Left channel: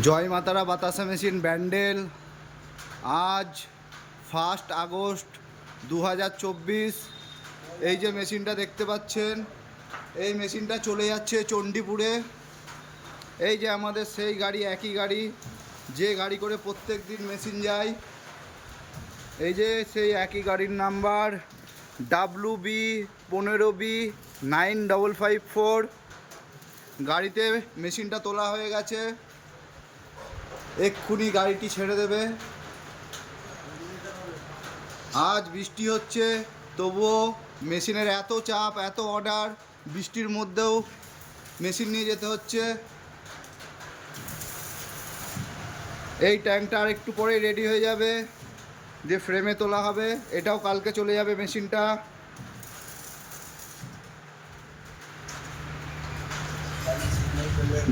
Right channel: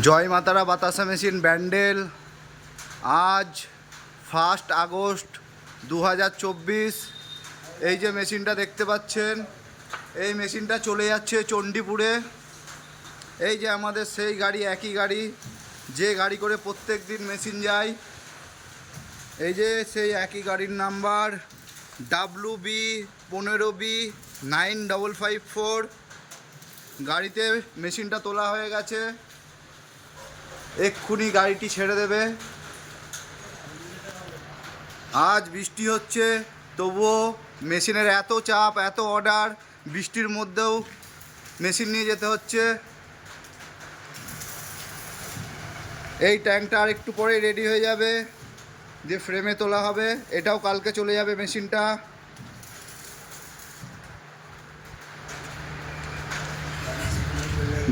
জয় মাতারা বাতাসা মেশিন ব্যান্ডেল। আজ 1 আগস্ট 2024। এই যে মেশিনটা দেখতে পাচ্ছেন, এই মেশিনটা চলে যাচ্ছে চণ্ডীপুরে। এই যে আমাদের সেই গাড়ি, একই গাড়ি যে গাড়ি করে প্রত্যেক দিন মেশিন যায়। এই যে সেই একই গাড়ির নাম্বার WB15B9554। গাড়িতে মেশিনটা তোলা হয়ে গেছে, এক্ষুনি গাড়িটি ছেড়ে দেবে। আজ বৃষ্টি হচ্ছে, তবুও মেশিনের এত চাপ, এত অর্ডার, বৃষ্টির মধ্যেও মেশিন নিয়ে যেতে হচ্ছে। এই ট্যাঙ্কটা আর একটু পরেই রেডি হয়ে যাবে, দিয়ে ফ্রেমে তোলা হবে। এটাও কালকে চলে যাবে মেশিনটা।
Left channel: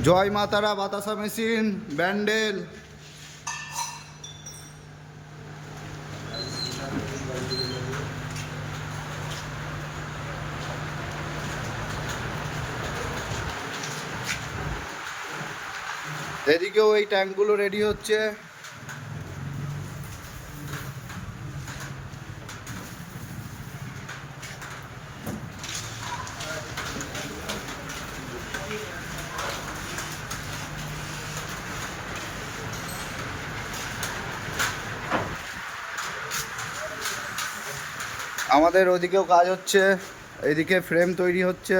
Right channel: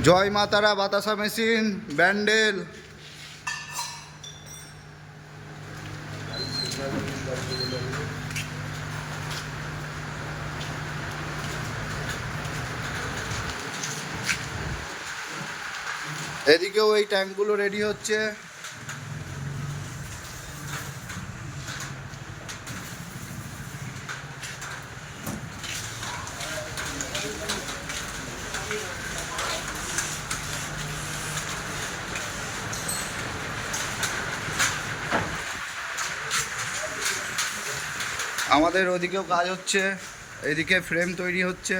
জয় মা তারা বাতাসা মেশিন ব্যান্ডেল। এদিকেও এই ট্যাঙ্কগুলো রেডি হচ্ছে। আমাদের ওদিকেও কাজ হচ্ছে, এদিকে ফ্রেম তৈরি হচ্ছে।